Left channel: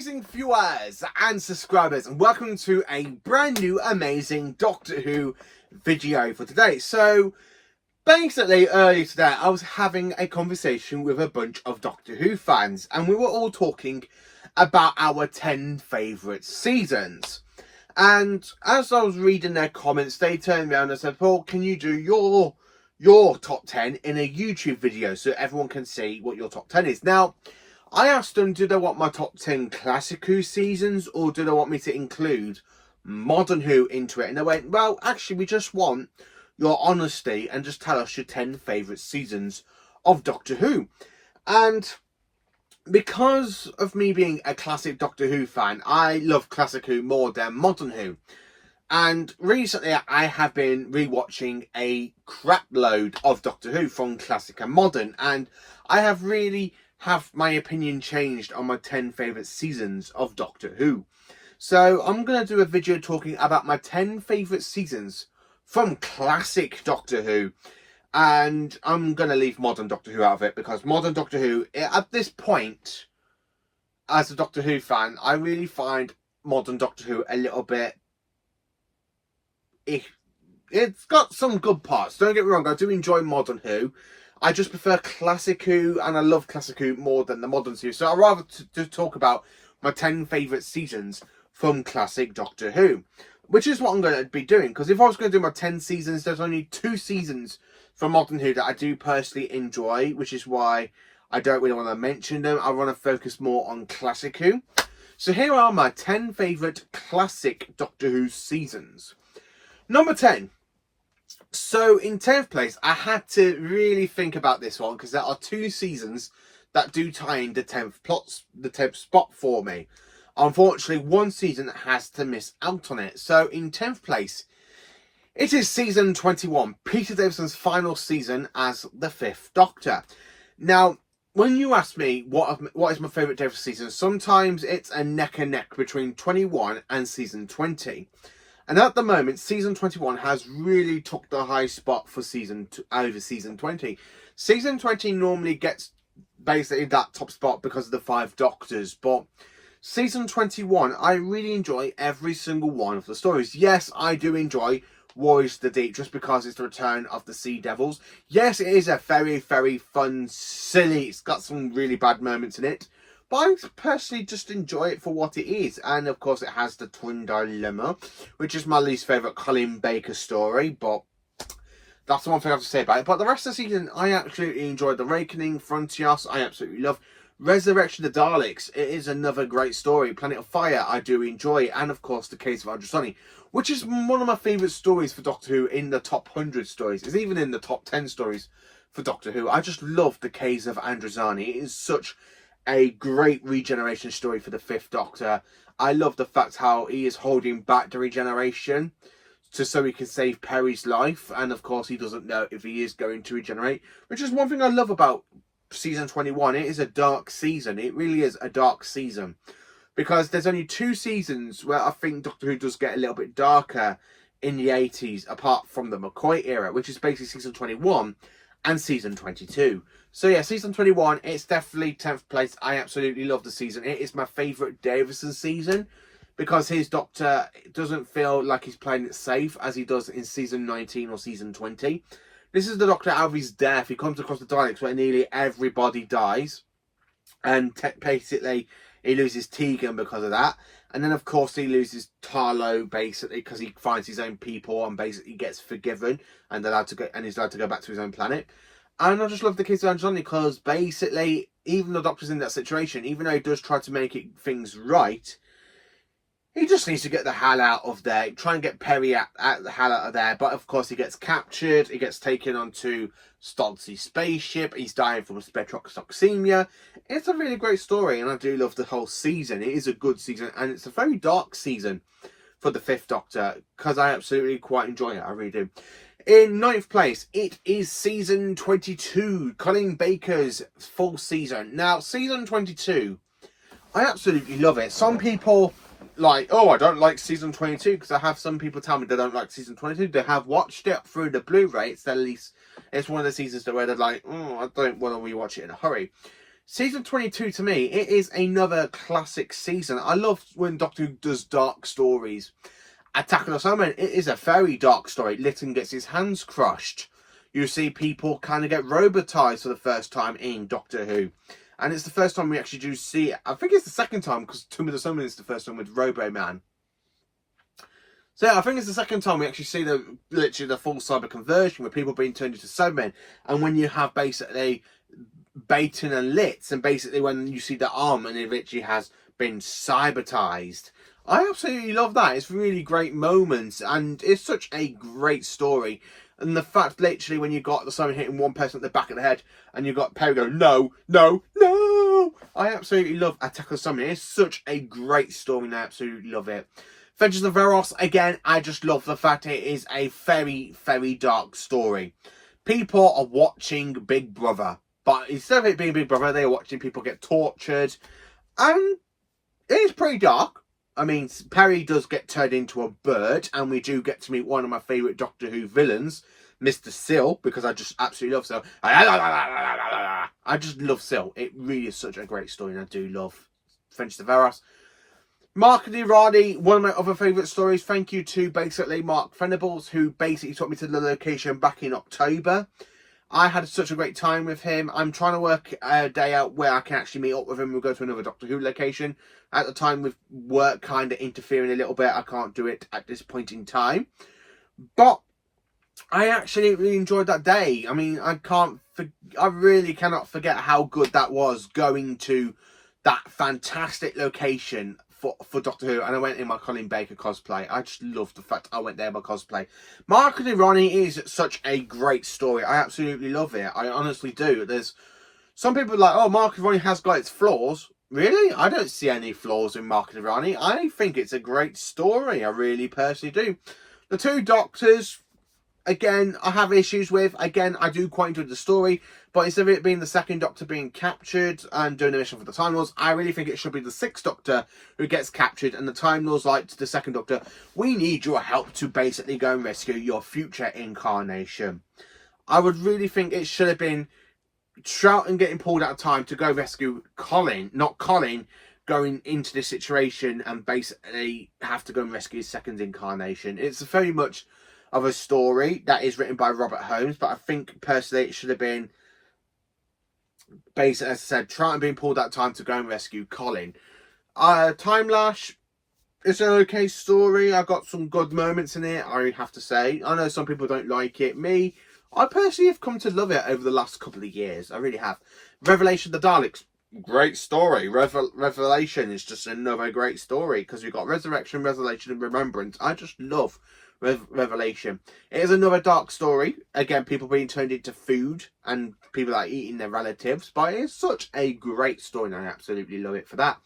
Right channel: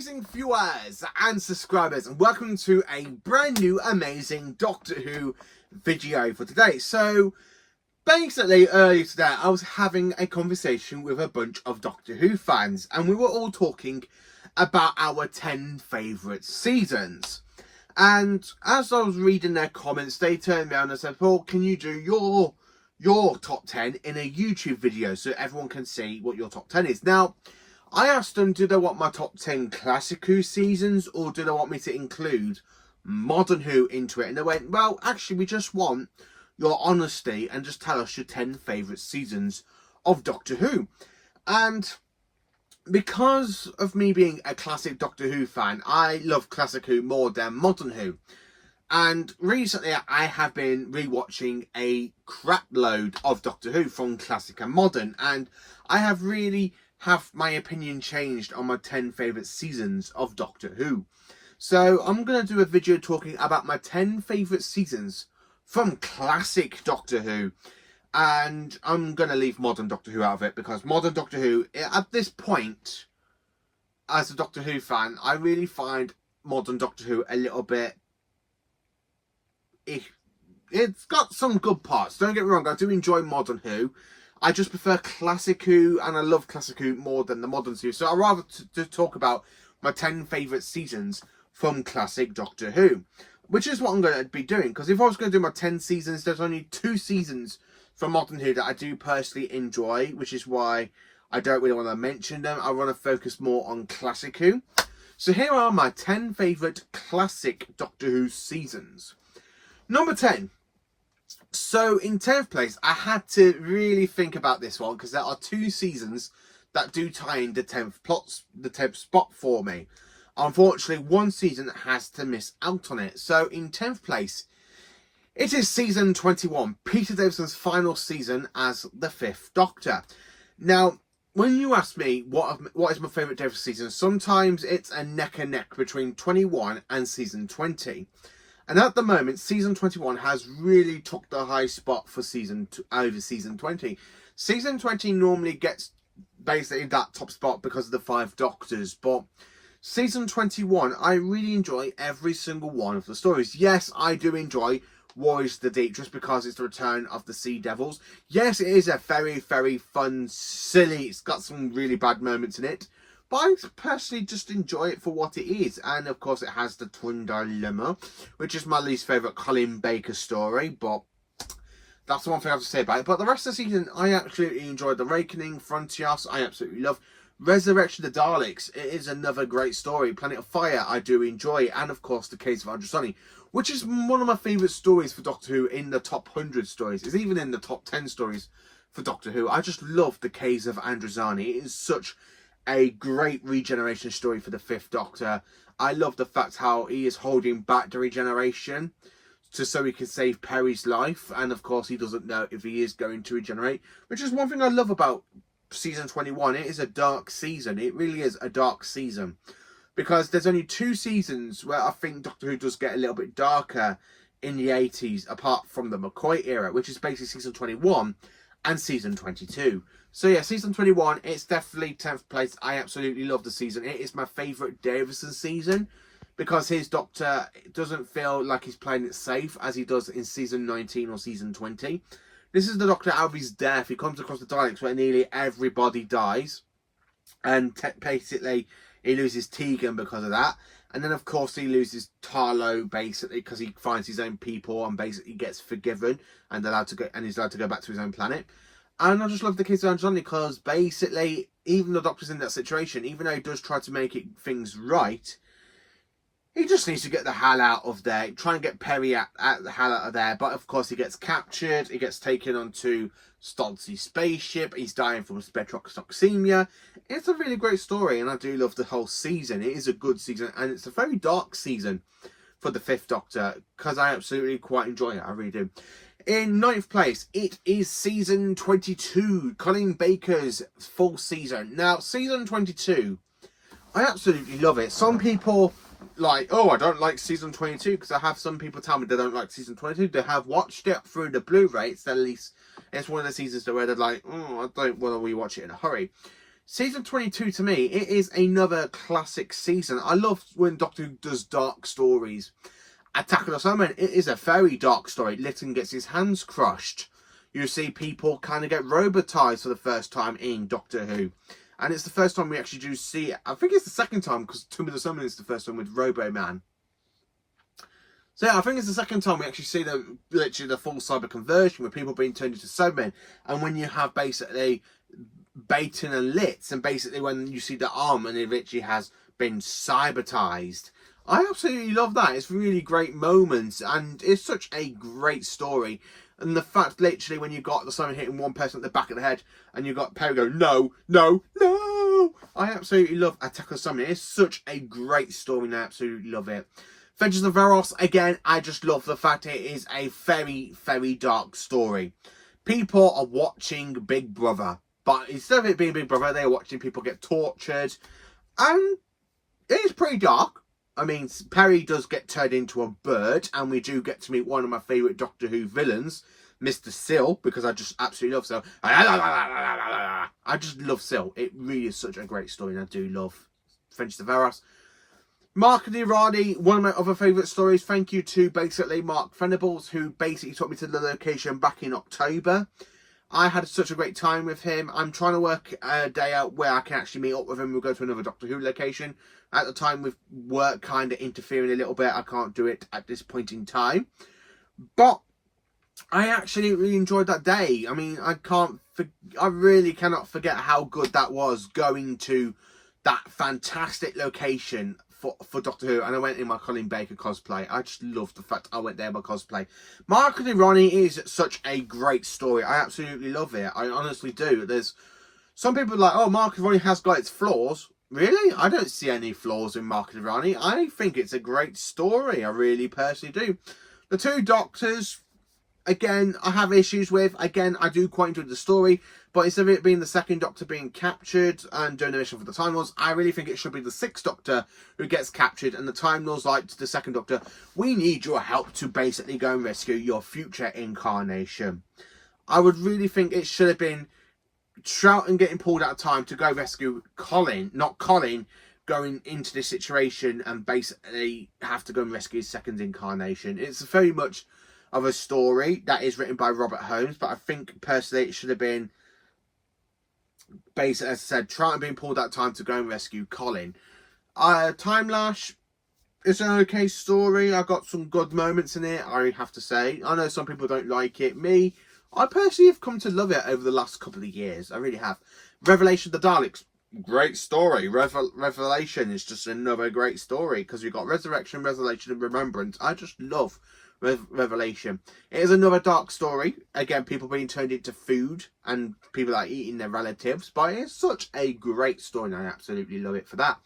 amazing viewers and subscribers, and welcome to a brand new amazing Doctor Who video for today. So basically earlier today I was having a conversation with a bunch of Doctor Who fans, and we were all talking about our 10 favourite seasons. And as I was reading their comments, they turned around and said, "Paul, can you do your top 10 in a YouTube video so everyone can see what your top 10 is?" Now, I asked them, do they want my top 10 classic Who seasons, or do they want me to include modern Who into it? And they went, well, actually, we just want your honesty and just tell us your 10 favourite seasons of Doctor Who. And because of me being a classic Doctor Who fan, I love classic Who more than modern Who. And recently I have been rewatching a crap load of Doctor Who from classic and modern, and I have my opinion changed on my 10 favourite seasons of Doctor Who. So I'm going to do a video talking about my 10 favourite seasons from classic Doctor Who. And I'm going to leave modern Doctor Who out of it, because modern Doctor Who, at this point, as a Doctor Who fan, I really find modern Doctor Who a little bit... It's got some good parts, don't get me wrong, I do enjoy modern Who. I just prefer classic Who, and I love classic Who more than the modern Who. So I'd rather to talk about my 10 favourite seasons from classic Doctor Who, which is what I'm going to be doing. Because if I was going to do my 10 seasons, there's only 2 seasons from modern Who that I do personally enjoy, which is why I don't really want to mention them. I want to focus more on classic Who. So here are my 10 favourite classic Doctor Who seasons. Number 10. So in 10th place, I had to really think about this one, because there are 2 seasons that do tie in the 10th spot for me. Unfortunately, one season has to miss out on it. So in 10th place, it is season 21, Peter Davison's final season as the 5th Doctor. Now, when you ask me what is my favourite Davison season, sometimes it's a neck and neck between 21 and season 20. And at the moment, season 21 has really took the high spot for over season 20. Season 20 normally gets basically that top spot because of the 5 Doctors. But season 21, I really enjoy every single one of the stories. Yes, I do enjoy Warriors of the Deep, just because it's the return of the Sea Devils. Yes, it is a very, very fun, silly, it's got some really bad moments in it. But I personally just enjoy it for what it is. And of course it has the Twin Dilemma, which is my least favourite Colin Baker story. But that's the one thing I have to say about it. But the rest of the season, I absolutely enjoyed. The Awakening, Frontios, I absolutely love. Resurrection of the Daleks, it is another great story. Planet of Fire, I do enjoy. And of course, The Case of Androsani, which is one of my favourite stories for Doctor Who in the top 100 stories. It's even in the top 10 stories for Doctor Who. I just love The Case of Androsani. It is such a great regeneration story for the 5th Doctor. I love the fact how he is holding back the regeneration so he can save Peri's life. And of course, he doesn't know if he is going to regenerate, which is one thing I love about season 21. It is a dark season. It really is a dark season, because there's only 2 seasons where I think Doctor Who does get a little bit darker in the 80s, apart from the McCoy era, which is basically season 21 and season 22. So yeah, season 21, it's definitely 10th place. I absolutely love the season. It is my favourite Davison season, because his Doctor doesn't feel like he's playing it safe as he does in season 19 or season 20. This is the Doctor out of his death. He comes across the Daleks where nearly everybody dies. And basically, he loses Tegan because of that. And then, of course, he loses Tarlo, basically, because he finds his own people and basically gets forgiven and allowed to go, and he's allowed to go back to his own planet. And I just love The Case of Androsani, because basically, even the Doctor's in that situation, even though he does try to make things right, he just needs to get the hell out of there. Try and get Peri out the hell out of there. But of course, he gets captured. He gets taken onto Stodzy's spaceship. He's dying from spectrotoxemia. It's a really great story, and I do love the whole season. It is a good season, and it's a very dark season for the 5th Doctor, because I absolutely quite enjoy it. I really do. In 9th place, it is season 22, Colin Baker's full season. Now, season 22, I absolutely love it. Some people like, oh, I don't like season 22, because I have some people tell me they don't like season 22. They have watched it through the Blu-ray. It's one of the seasons where they're like, oh, I don't want to rewatch it in a hurry. Season 22, to me, it is another classic season. I love when Doctor Who does dark stories. Attack of the Cybermen, it is a very dark story. Lytton gets his hands crushed. You see people kind of get robotized for the first time in Doctor Who. And it's the first time we actually do see it. I think it's the second time, because Tomb of the Cybermen is the first time with Robo-Man. So yeah, I think it's the second time we actually see literally the full cyber conversion with people being turned into Cybermen. And when you have basically Baton and Litz, and basically when you see the arm and it literally has been cybertized. I absolutely love that. It's really great moments, and it's such a great story. And the fact, literally, when you got the Cyberman hitting one person at the back of the head, and you got Perry go, no, no, no. I absolutely love Attack of the Cybermen. It's such a great story, and I absolutely love it. Vengeance of Varos, again, I just love the fact it is a very, very dark story. People are watching Big Brother. But instead of it being Big Brother, they are watching people get tortured. And it is pretty dark. I mean, Perry does get turned into a bird. And we do get to meet one of my favourite Doctor Who villains, Mr. Sill. Because I just absolutely love Sill. I just love Sill. It really is such a great story. And I do love Vengeance of Varos. Mark and Irani, one of my other favourite stories. Thank you to basically Mark Venables, who basically took me to the location back in October. I had such a great time with him. I'm trying to work a day out where I can actually meet up with him. We'll go to another Doctor Who location. At the time, with work kind of interfering a little bit, I can't do it at this point in time. But I actually really enjoyed that day. I mean, I really cannot forget how good that was, going to that fantastic location for Doctor Who, and I went in my Colin Baker cosplay. I just love the fact I went there in my cosplay. Mark and Ronnie is such a great story. I absolutely love it. I honestly do. There's some people like, oh, Mark and Ronnie has got its flaws. Really? I don't see any flaws in Mark and Ronnie. I think it's a great story. I really personally do. The two Doctors, again, I have issues with. Again, I do quite enjoy the story, but instead of it being the second Doctor being captured and doing the mission for the Time Lords, I really think it should be the sixth Doctor who gets captured, and the Time Lords like to the second Doctor, we need your help to basically go and rescue your future incarnation. I would really think it should have been Troughton getting pulled out of time to go rescue Colin, not Colin going into this situation and basically have to go and rescue his second incarnation. It's very much of a story that is written by Robert Holmes, but I think personally it should have been basically, as I said, Troughton being pulled out time to go and rescue Colin. Time Lash is an okay story. I got some good moments in it, I have to say. I know some people don't like it. Me, I personally have come to love it over the last couple of years. I really have. Revelation of the Daleks, great story. Revelation is just another great story, because we've got Resurrection, Revelation and Remembrance. I just love Revelation. It is another dark story. Again, people being turned into food and people like eating their relatives. But it's such a great story, and I absolutely love it for that.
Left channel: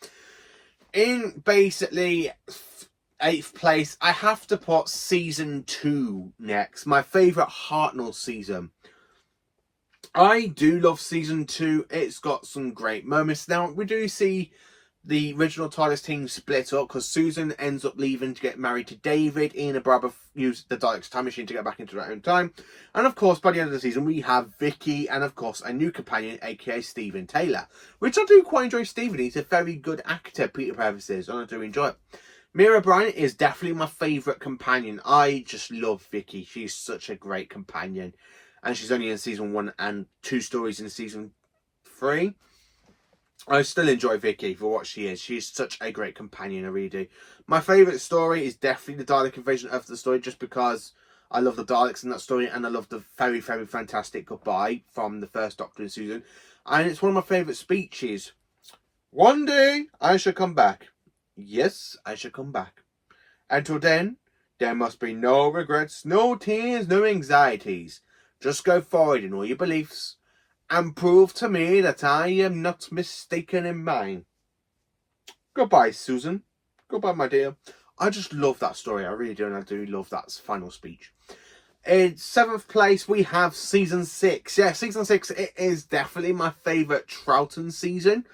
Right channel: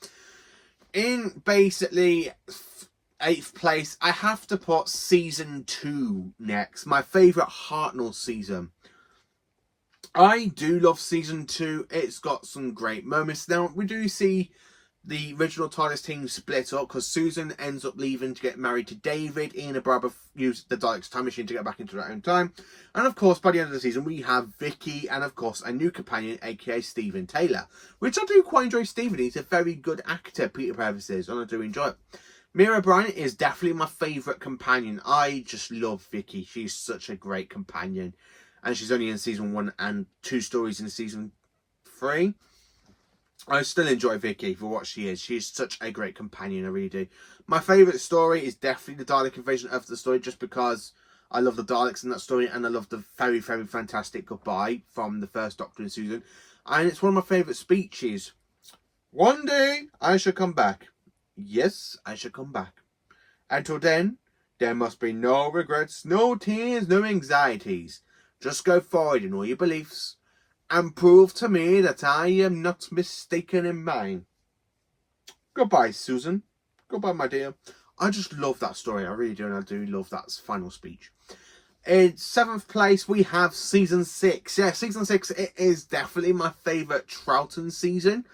In basically 8th place, I have to put season 2 next. My favourite Hartnell season. I do love season 2. It's got some great moments. Now, we do see the original TARDIS team split up, because Susan ends up leaving to get married to David. Ian and Barbara use the Daleks time machine to get back into their own time. And of course, by the end of the season, we have Vicky and of course a new companion, aka Stephen Taylor. Which I do quite enjoy Stephen. He's a very good actor, Peter purposes, and I do enjoy it. Mira Bryant is definitely my favourite companion. I just love Vicky. She's such a great companion. And she's only in season 1 and 2 stories in season 3. I still enjoy Vicky for what she is. She's such a great companion, I really do. My favourite story is definitely the Dalek invasion of the story, just because I love the Daleks in that story, and I love the very, very fantastic goodbye from the first Doctor and Susan. And it's one of my favourite speeches. One day I shall come back. Yes, I shall come back. Until then, there must be no regrets, no tears, no anxieties. Just go forward in all your beliefs, and prove to me that I am not mistaken in mine. Goodbye, Susan. Goodbye, my dear. I just love that story. I really do, and I do love that final speech. In 7th place, we have season 6. Yeah, season 6, it is definitely my favourite Troughton season.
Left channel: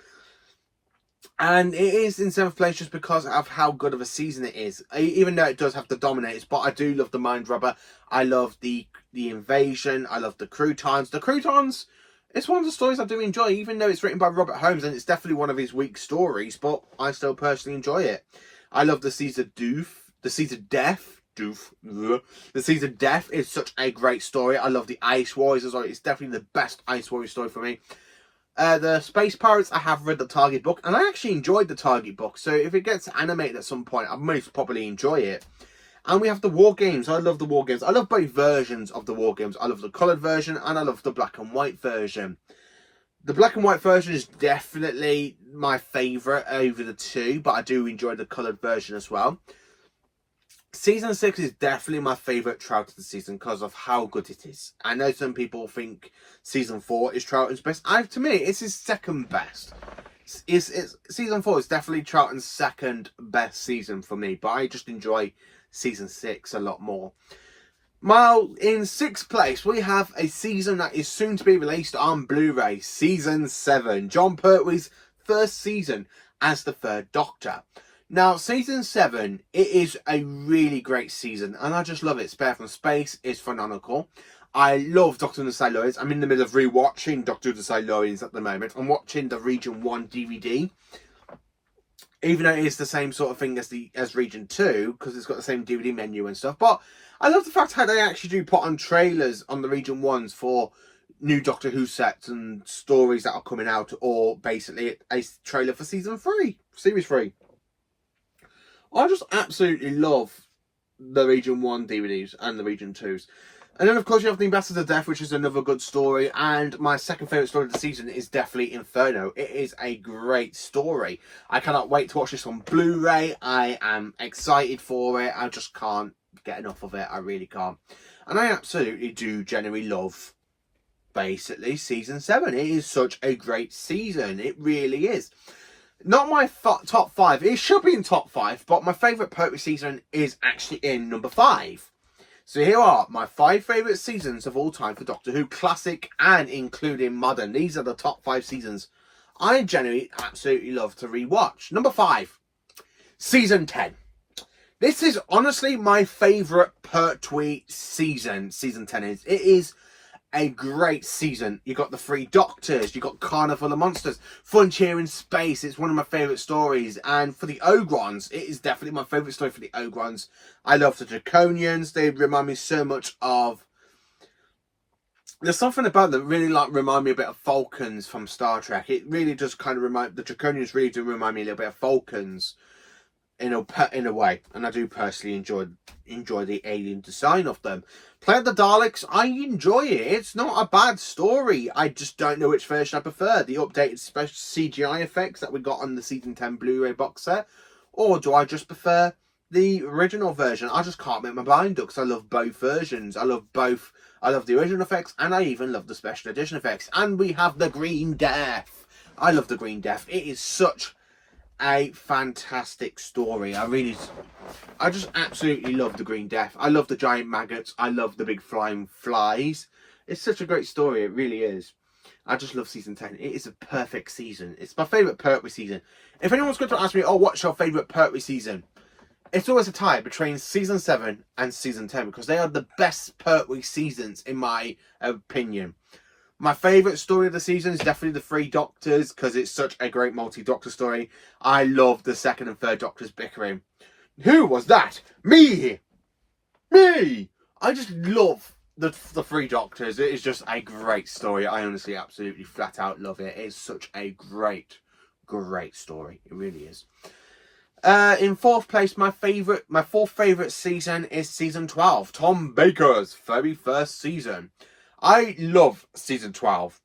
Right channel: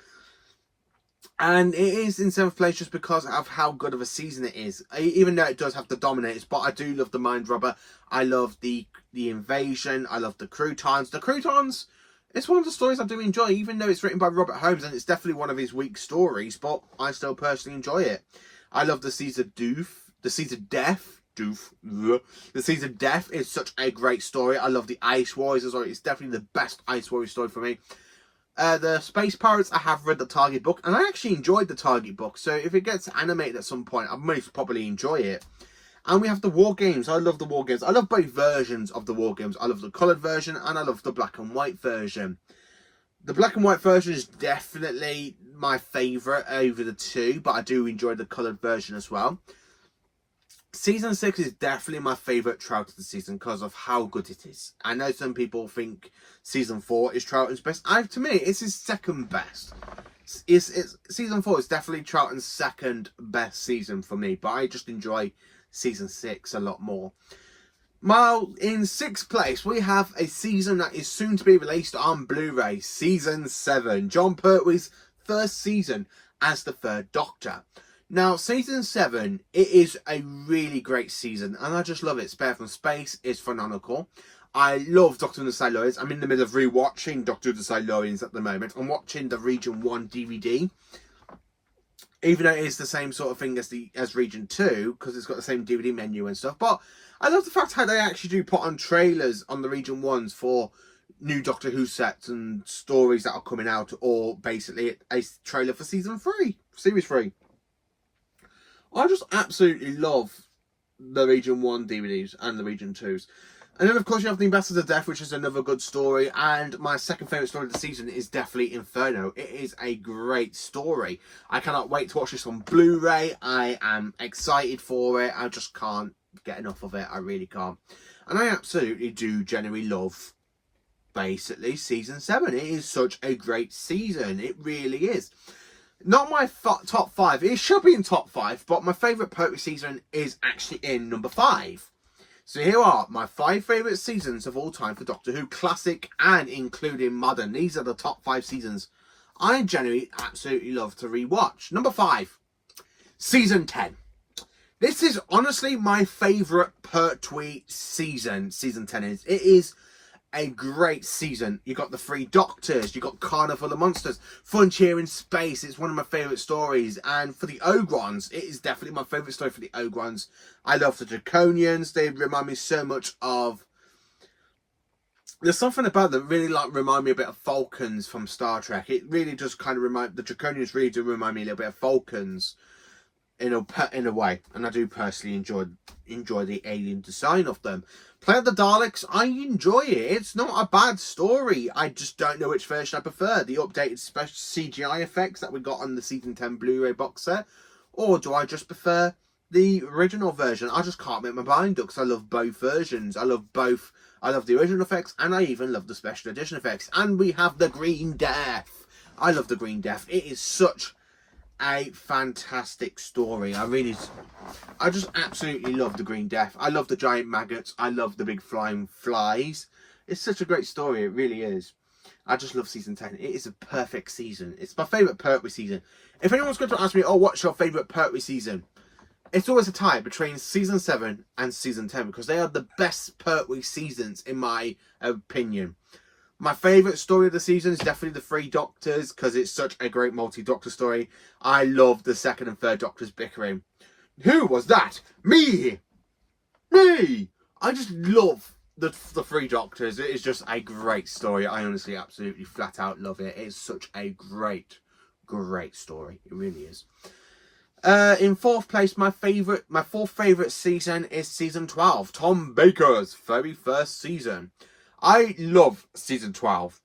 And it is in 7th place just because of how good of a season it is. Even though it does have the Dominators, but I do love the Mind Robber. I love the invasion. I love the Croutons. The Croutons, It's one of the stories I do enjoy, even though it's written by Robert Holmes and it's definitely one of his weak stories, but I still personally enjoy it. I love the Seeds of Death. The Seeds of Death. The Seeds of Death is such a great story. I love the Ice Warriors as well. It's definitely the best Ice Warrior story for me. The Space Pirates, I have read the Target book, and I actually enjoyed the Target book. So if it gets animated at some point, I most probably enjoy it. And we have the War Games. I love the War Games. I love both versions of the War Games. I love the coloured version, and I love the black and white version. The black and white version is definitely my favourite over the two, but I do enjoy the coloured version as well. Season 6 is definitely my favourite Trout of the season because of how good it is. I know some people think Season 4 is Troughton's best. To me, it's his second best. Season 4 is definitely Troughton's second best season for me, but I just enjoy Season 6 a lot more. Well, in 6th place, we have a season that is soon to be released on Blu-ray, Season 7. Jon Pertwee's first season as the Third Doctor. Now, Season 7, it is a really great season, and I just love it. Spare from Space is phenomenal. I love Doctor and the Silurians. I'm in the middle of rewatching Doctor and the Silurians at the moment. I'm watching the Region 1 DVD, even though it is the same sort of thing as Region 2, because it's got the same DVD menu and stuff. But I love the fact how they actually do put on trailers on the Region 1s for new Doctor Who sets and stories that are coming out, or basically a trailer for Season 3, Series 3. I just absolutely love the Region 1 DVDs and the Region 2s. And then, of course, you have The Ambassador of Death, which is another good story. And my second favourite story of the season is definitely Inferno. It is a great story. I cannot wait to watch this on Blu-ray. I am excited for it. I just can't get enough of it. I really can't. And I absolutely do genuinely love, basically, Season 7. It is such a great season. It really is. Not my top 5. It should be in top 5, but my favourite Pertwee season is actually in number 5. So here are my 5 favourite seasons of all time for Doctor Who, classic and including modern. These are the top 5 seasons I genuinely absolutely love to rewatch. Number 5, Season 10. This is honestly my favourite Pertwee season. Season 10 is. It is a great season. You got the 3 Doctors, you got Carnival of Monsters, Frontier in Space. It's one of my favourite stories. And for the Ogrons, it is definitely my favourite story for the Ogrons. I love the Draconians. They remind me so much of... There's something about them that really remind me a bit of Falcons from Star Trek. It really does kind of remind... The Draconians really do remind me a little bit of Falcons in a way. And I do personally enjoy the alien design of them. Planet of the Daleks, I enjoy it. It's not a bad story. I just don't know which version I prefer. The updated special CGI effects that we got on the Season 10 Blu-ray box set. Or do I just prefer the original version? I just can't make my mind up because I love both versions. I love both. I love the original effects and I even love the special edition effects. And we have the Green Death. I love the Green Death. It is such a fantastic story. I just absolutely love the Green Death. I love the giant maggots. I love the big flying flies. It's such a great story. It really is. I just love Season 10. It is a perfect season. It's my favourite Pertwee season. If anyone's going to ask me, oh, what's your favourite Pertwee season? It's always a tie between Season 7 and Season 10 because they are the best Pertwee seasons in my opinion. My favourite story of the season is definitely the 3 Doctors because it's such a great multi-Doctor story. I love the 2nd and 3rd Doctors bickering. Who was that? Me! Me! I just love the 3 Doctors. It is just a great story. I honestly absolutely flat out love it. It's such a great story. It really is. In 4th place, my 4th favourite season is Season 12. Tom Baker's very first season. I love Season 12.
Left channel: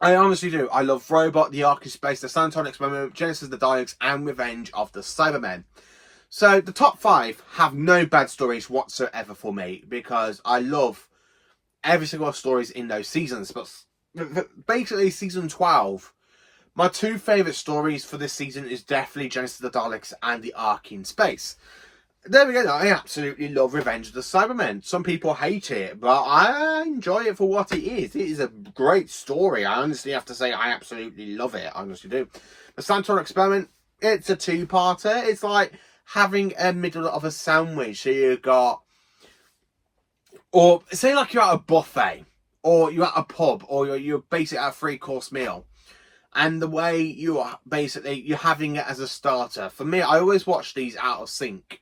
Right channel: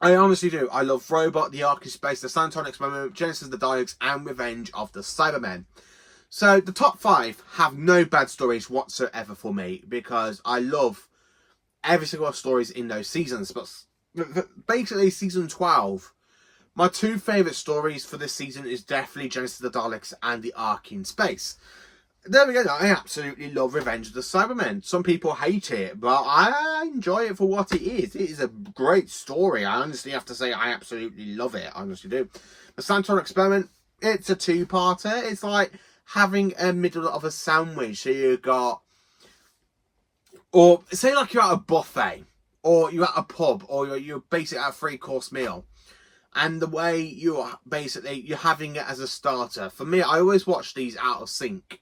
I honestly do. I love Robot, The Ark in Space, The Santon Experiment, Genesis of the Daleks, and Revenge of the Cybermen. So the top 5 have no bad stories whatsoever for me because I love every single stories in those seasons. But basically, Season 12, my 2 favourite stories for this season is definitely Genesis of the Daleks and The Ark in Space. There we go. I absolutely love Revenge of the Cybermen. Some people hate it, but I enjoy it for what it is. It is a great story. I honestly have to say I absolutely love it. I honestly do. The Santon Experiment, it's a 2-parter. It's like having a middle of a sandwich. So you got... Or say like you're at a buffet. or you're at a pub, or you're basically at a 3-course meal, and the way you're having it as a starter. For me, I always watch these out of sync,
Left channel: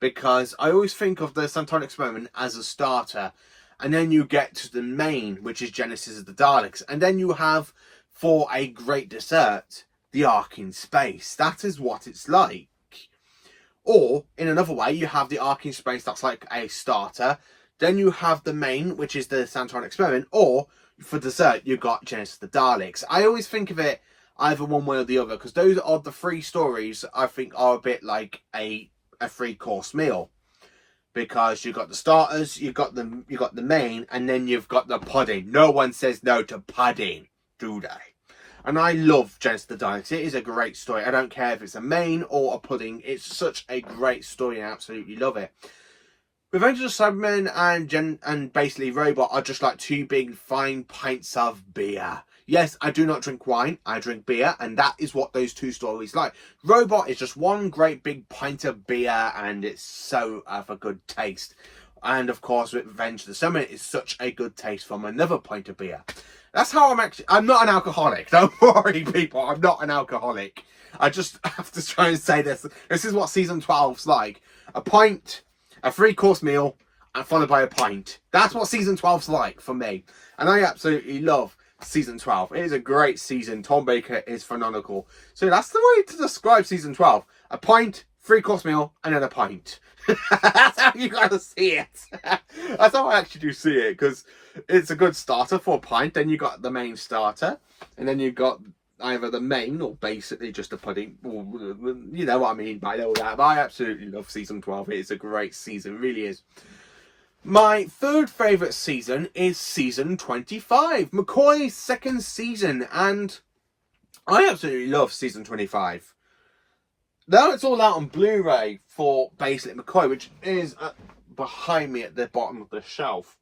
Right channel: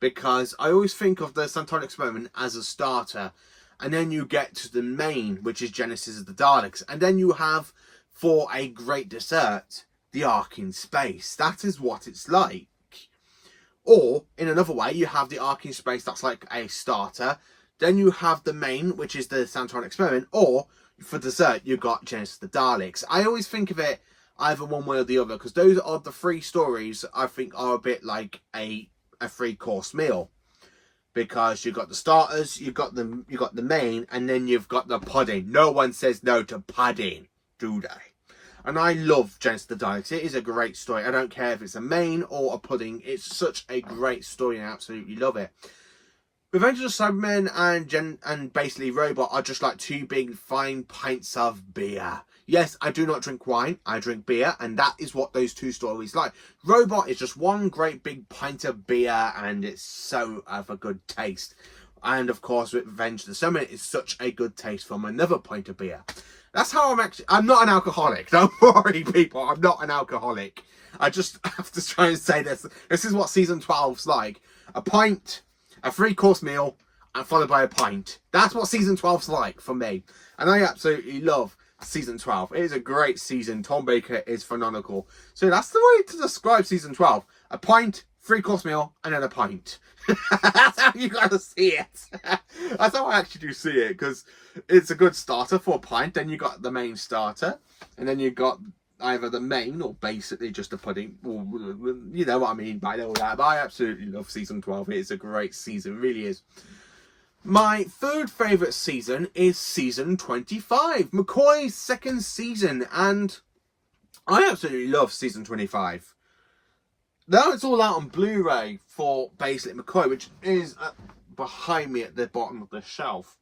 because I always think of the Santoran Experiment as a starter, and then you get to the main, which is Genesis of the Daleks, and then you have, for a great dessert, the Ark in Space. That is what it's like. Or, in another way, you have the Ark in Space, that's like a starter. Then you have the main, which is the Santoran Experiment. Or, for dessert, you've got Genesis of the Daleks. I always think of it either one way or the other, because those are the 3 stories I think are a bit like a 3-course meal. Because you've got the starters, you've got the main, and then you've got the pudding. No one says no to pudding, do they? And I love Genesis of the Daleks. It is a great story. I don't care if it's a main or a pudding. It's such a great story, and I absolutely love it. Revenge of the Cybermen and basically Robot are just like 2 big fine pints of beer. Yes, I do not drink wine. I drink beer, and that is what those 2 stories like. Robot is just one great big pint of beer, and it's so of a good taste. And of course, with Revenge of the Cybermen, it's such a good taste from another pint of beer. That's how I'm not an alcoholic. Don't worry, people. I'm not an alcoholic. I just have to try and say this. This is what season 12's like. A pint, a 3-course meal, and followed by a pint. That's what season 12's like for me. And I absolutely love season 12. It is a great season. Tom Baker is phenomenal. So that's the way to describe season 12. A pint, 3-course meal, and then a pint. That's how you gotta see it. That's how I actually do see it, because it's a good starter for a pint. Then you got the main starter, and then you got either the main or basically just a pudding. You know what I mean by all that. But I absolutely love season 12. It is a great season, it really is. My 3rd favourite season is season 25, McCoy's 2nd season, and I absolutely love season 25. Now it's all out on Blu-ray for basically McCoy, which is behind me at the bottom of the shelf.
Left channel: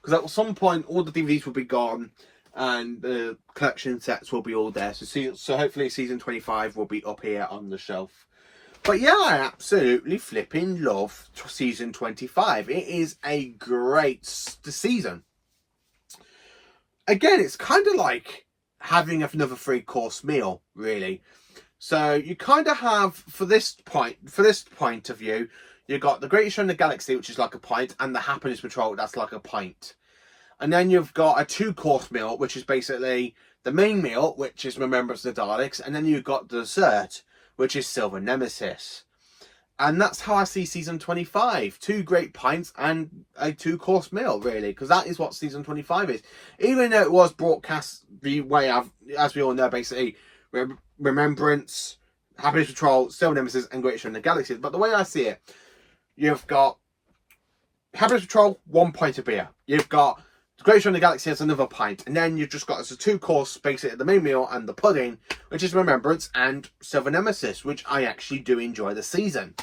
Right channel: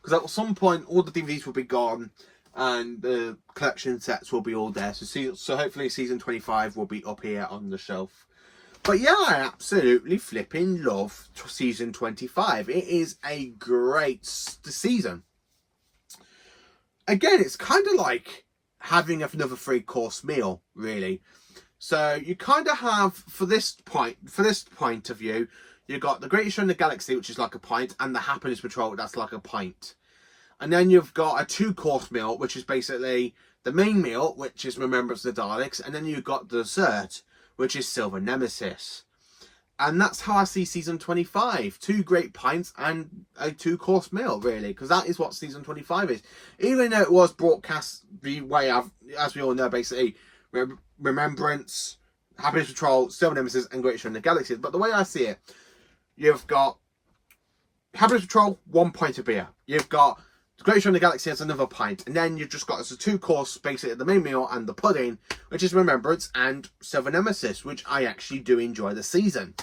Because at some point, all the DVDs will be gone, and the collection sets will be all there. So hopefully season 25 will be up here on the shelf. But yeah, I absolutely flipping love season 25. It is a great season. Again, it's kind of like having another 3-course meal, really. So you kind of have, for this point of view, you've got the Greatest Show in the Galaxy, which is like a pint, and the Happiness Patrol, that's like a pint. And then you've got a 2-course meal, which is basically the main meal, which is Remembrance of the Daleks, and then you've got the dessert, which is Silver Nemesis. And that's how I see season 25. 2 great pints and a 2-course meal, really, because that is what season 25 is. Even though it was broadcast the way as we all know, basically, Remembrance, Happiness Patrol, Silver Nemesis, and Great Show in the Galaxy. But the way I see it, you've got Happiness Patrol, 1 pint of beer. You've got the Great Show in the Galaxy as another pint. And then you've just got as a 2-course, basically the main meal and the pudding, which is Remembrance and Silver Nemesis, which I actually do enjoy the season.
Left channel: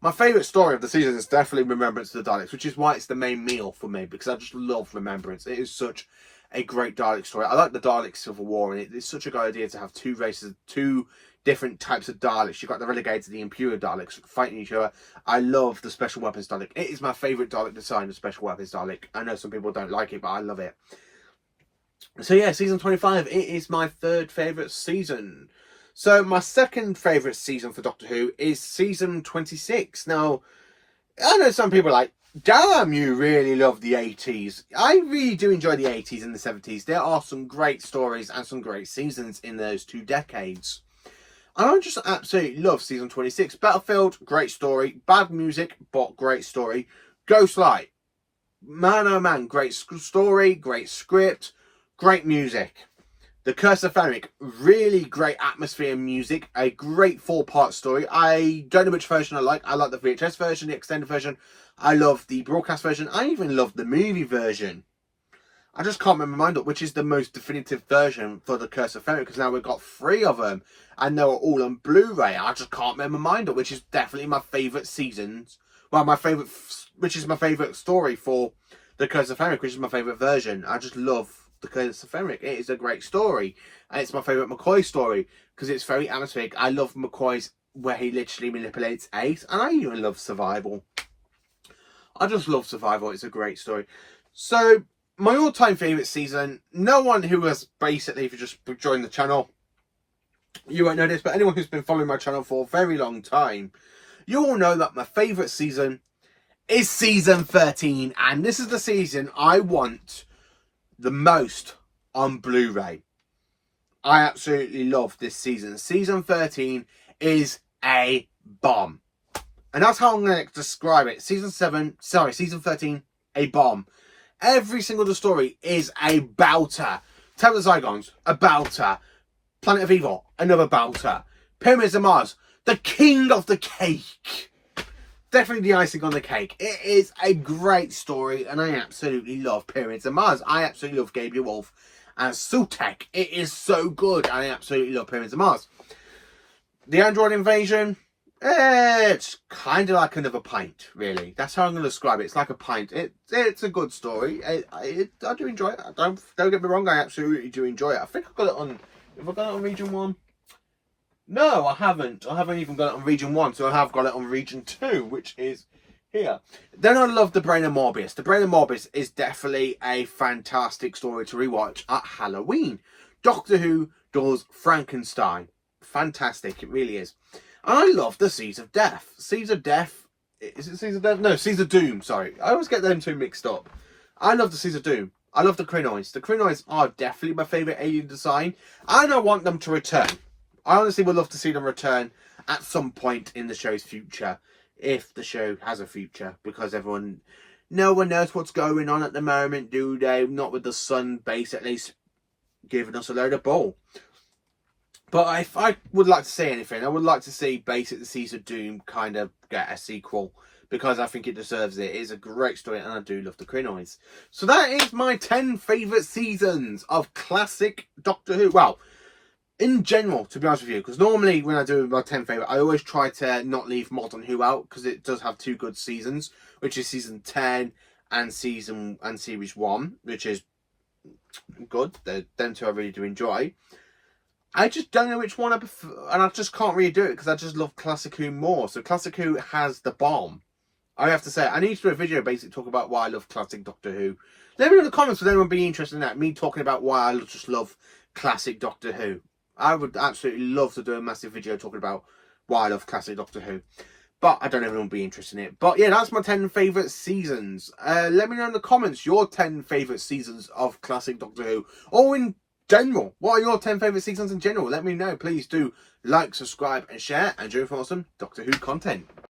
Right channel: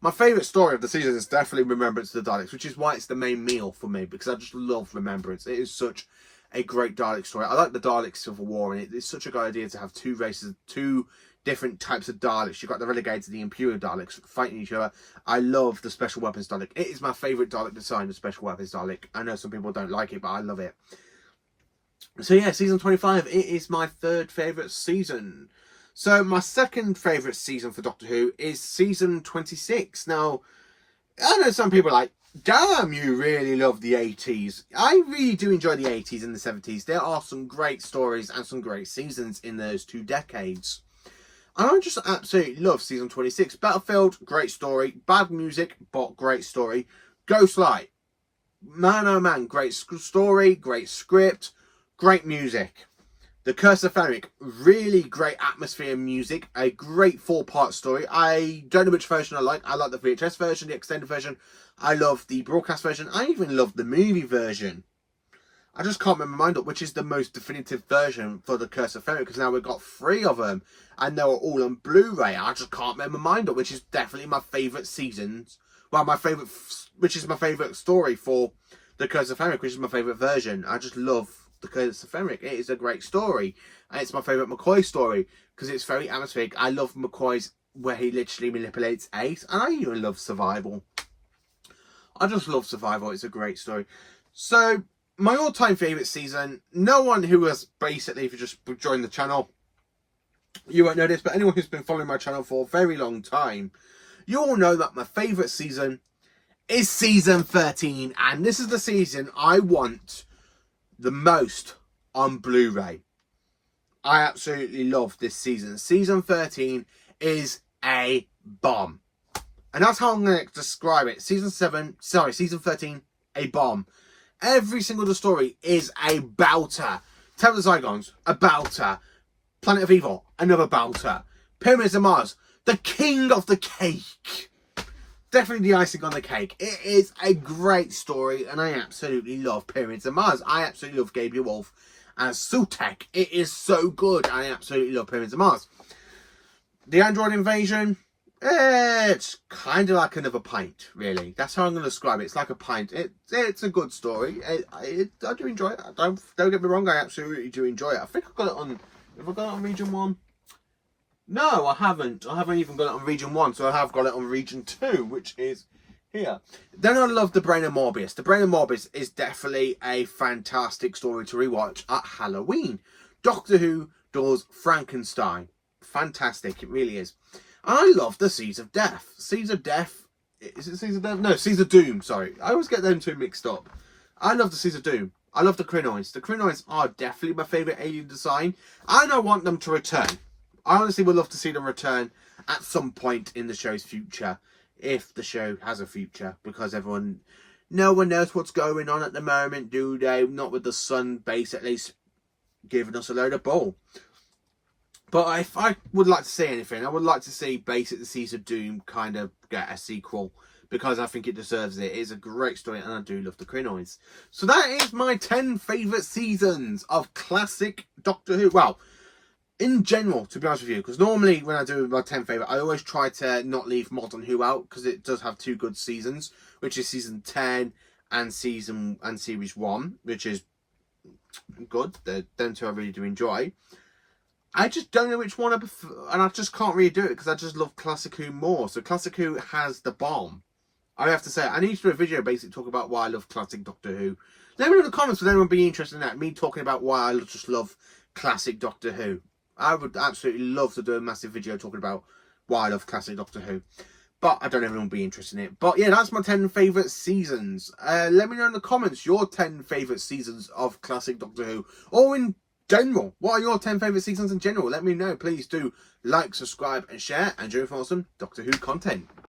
My favourite story of the season is definitely Remembrance of the Daleks, which is why it's the main meal for me, because I just love Remembrance. It is such a great Dalek story. I like the Dalek Civil War, and it's such a good idea to have 2 races, 2 different types of Daleks. You've got the Relegated, the Impure Daleks fighting each other. I love the Special Weapons Dalek. It is my favourite Dalek design, the Special Weapons Dalek. I know some people don't like it, but I love it. So yeah, season 25, it is my 3rd favourite season. So my 2nd favourite season for Doctor Who is season 26. Now, I know some people are like, damn, you really love the 80s. I really do enjoy the 80s and the 70s. There are some great stories and some great seasons in those 2 decades. And I just absolutely love season 26. Battlefield, great story. Bad music, but great story. Ghostlight, man oh man, great story, great script, great music. The Curse of Fenric, really great atmosphere and music. A great 4-part story. I don't know which version I like. I like the VHS version, the extended version. I love the broadcast version. I even love the movie version. I just can't remember my mind up which is the most definitive version for the Curse of Fenric, because now we've got 3 of them and they were all on Blu-ray. I just can't remember my mind up which is definitely my favourite seasons. Well, which is my favourite story for the Curse of Fenric, which is my favourite version. I just love the Curse of Fenric. It is a great story, and it's my favourite McCoy story because it's very atmospheric. I love McCoy's where he literally manipulates Ace, and I even love Survival. I just love Survival. It's a great story. So my all-time favourite season, no one who has basically, if you just joined the channel, you won't know this, but anyone who's been following my channel for a very long time, you all know that my favourite season is season 13. And this is the season I want the most on Blu-ray. I absolutely love this season. Season 13 is a bomb. And that's how I'm going to describe it. Season 13, a bomb. Every single story is a belter. Temple of the Zygons, a belter. Planet of Evil, another belter. Pyramids of Mars, the king of the cake. Definitely the icing on the cake. It is a great story, and I absolutely love Pyramids of Mars. I absolutely love Gabriel Wolf and Sultek. It is so good. I absolutely love Pyramids of Mars. The Android Invasion, it's kind of like another pint, really. That's how I'm going to describe it. It's like a pint. It's a good story. I do enjoy it. Don't get me wrong. I absolutely do enjoy it. I think I got it on. Have I got it on Region 1? No, I haven't. I haven't even got it on Region 1. So I have got it on Region 2, which is here. Then I love The Brain of Morbius. The Brain of Morbius is definitely a fantastic story to rewatch at Halloween. Doctor Who does Frankenstein. Fantastic. It really is. And I love the Seeds of Death. Seeds of Death. Is it Seeds of Death? No, Seeds of Doom. Sorry. I always get them two mixed up. I love the Seeds of Doom. I love the Krynoids. The Krynoids are definitely my favourite alien design. And I want them to return. I honestly would love to see them return at some point in the show's future. If the show has a future. Because no one knows what's going on at the moment, do they? Not with the sun basically giving us a load of bull. But if I would like to see anything, I would like to see basically the Seeds of Doom kind of get a sequel. Because I think it deserves it. It is a great story and I do love the Krynoids. So that is my 10 favourite seasons of classic Doctor Who. Well, in general, to be honest with you. Because normally when I do my 10 favourite, I always try to not leave Modern Who out. Because it does have two good seasons. Which is season 10 and series 1. Which is good. Them two I really do enjoy. I just don't know which one I prefer. And I just can't really do it. Because I just love Classic Who more. So Classic Who has the bomb. I have to say, I need to do a video basically talk about why I love classic Doctor Who. Let me know in the comments if anyone be interested in that. Me talking about why I just love classic Doctor Who. I would absolutely love to do a massive video talking about why I love classic Doctor Who. But I don't know if anyone will be interested in it. But yeah, that's my 10 favourite seasons. Let me know in the comments your 10 favourite seasons of classic Doctor Who. Or in general. What are your 10 favourite seasons in general? Let me know. Please do like, subscribe and share. And enjoy for awesome Doctor Who content.